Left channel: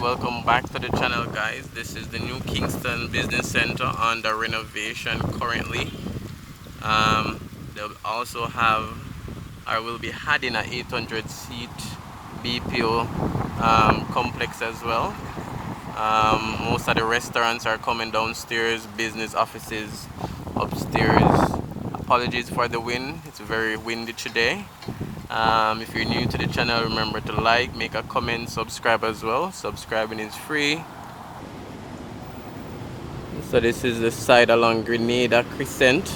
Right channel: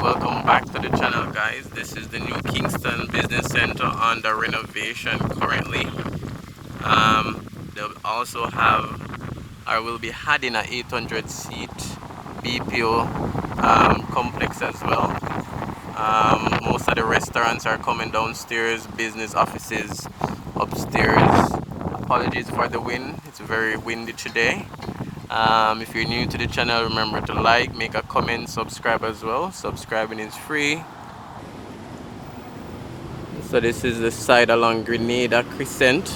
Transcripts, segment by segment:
Welcome back to the channel, guys. This is the new Kingston Business Center under renovation currently. They'll also have, I will be adding a 800 seat BPO complex as well. Most of the restaurants are coming downstairs, business offices upstairs. Apologies for the wind, it's very windy today. If you're new to the channel, remember to like, make a comment, subscribe as well. Subscribing is free. So this is the side along Grenada Crescent.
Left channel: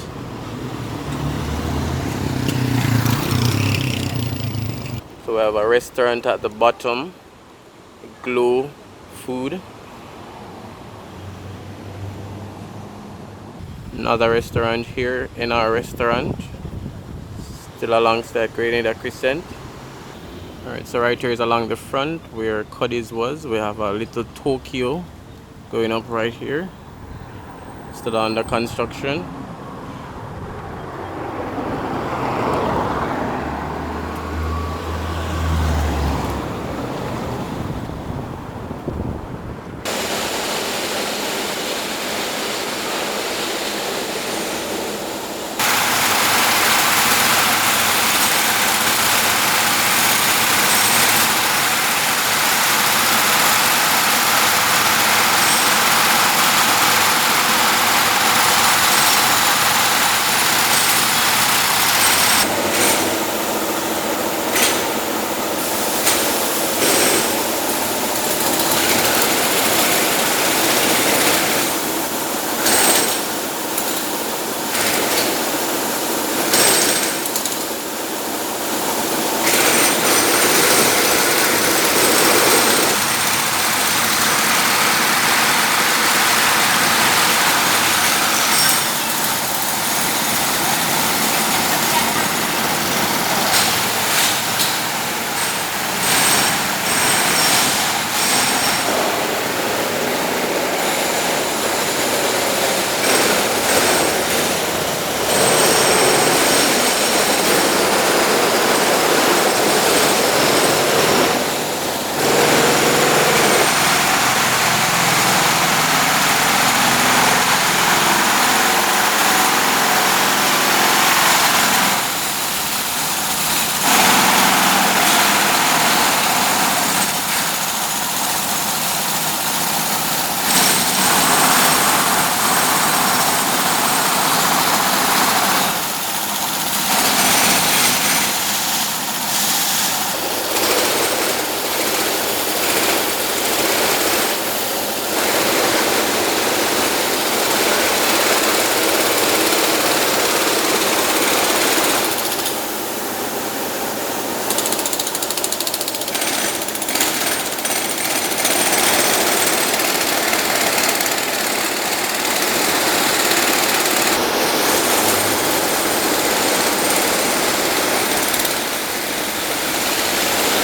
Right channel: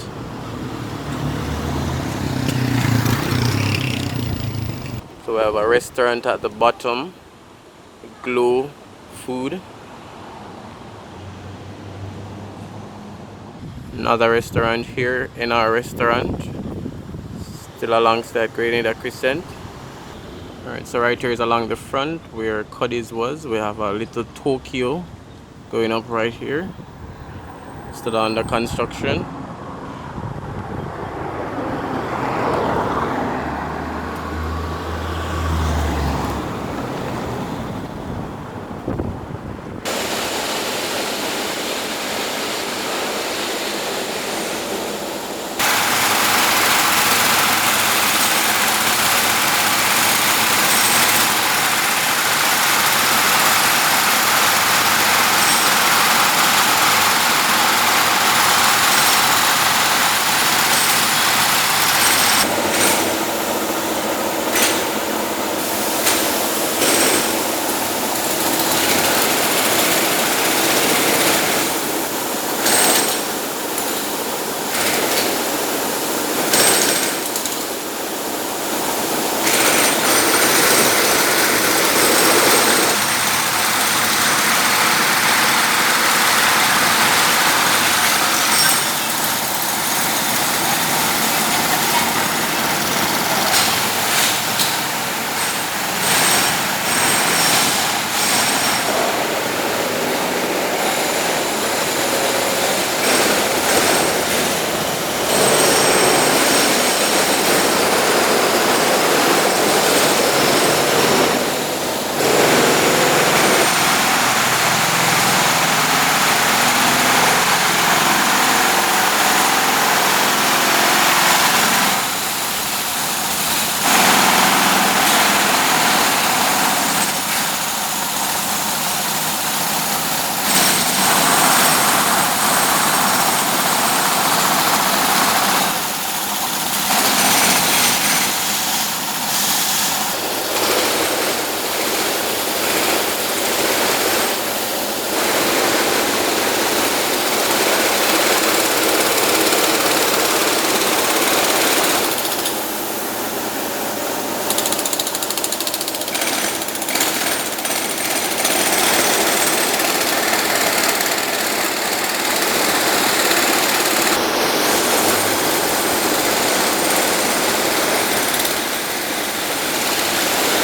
So we have a restaurant at the bottom, Glow Food. Another restaurant here in our restaurant, still alongside Grenada Crescent. Alright, so right here is along the front where Cuddy's was. We have a little Tokyo going up right here, still under construction.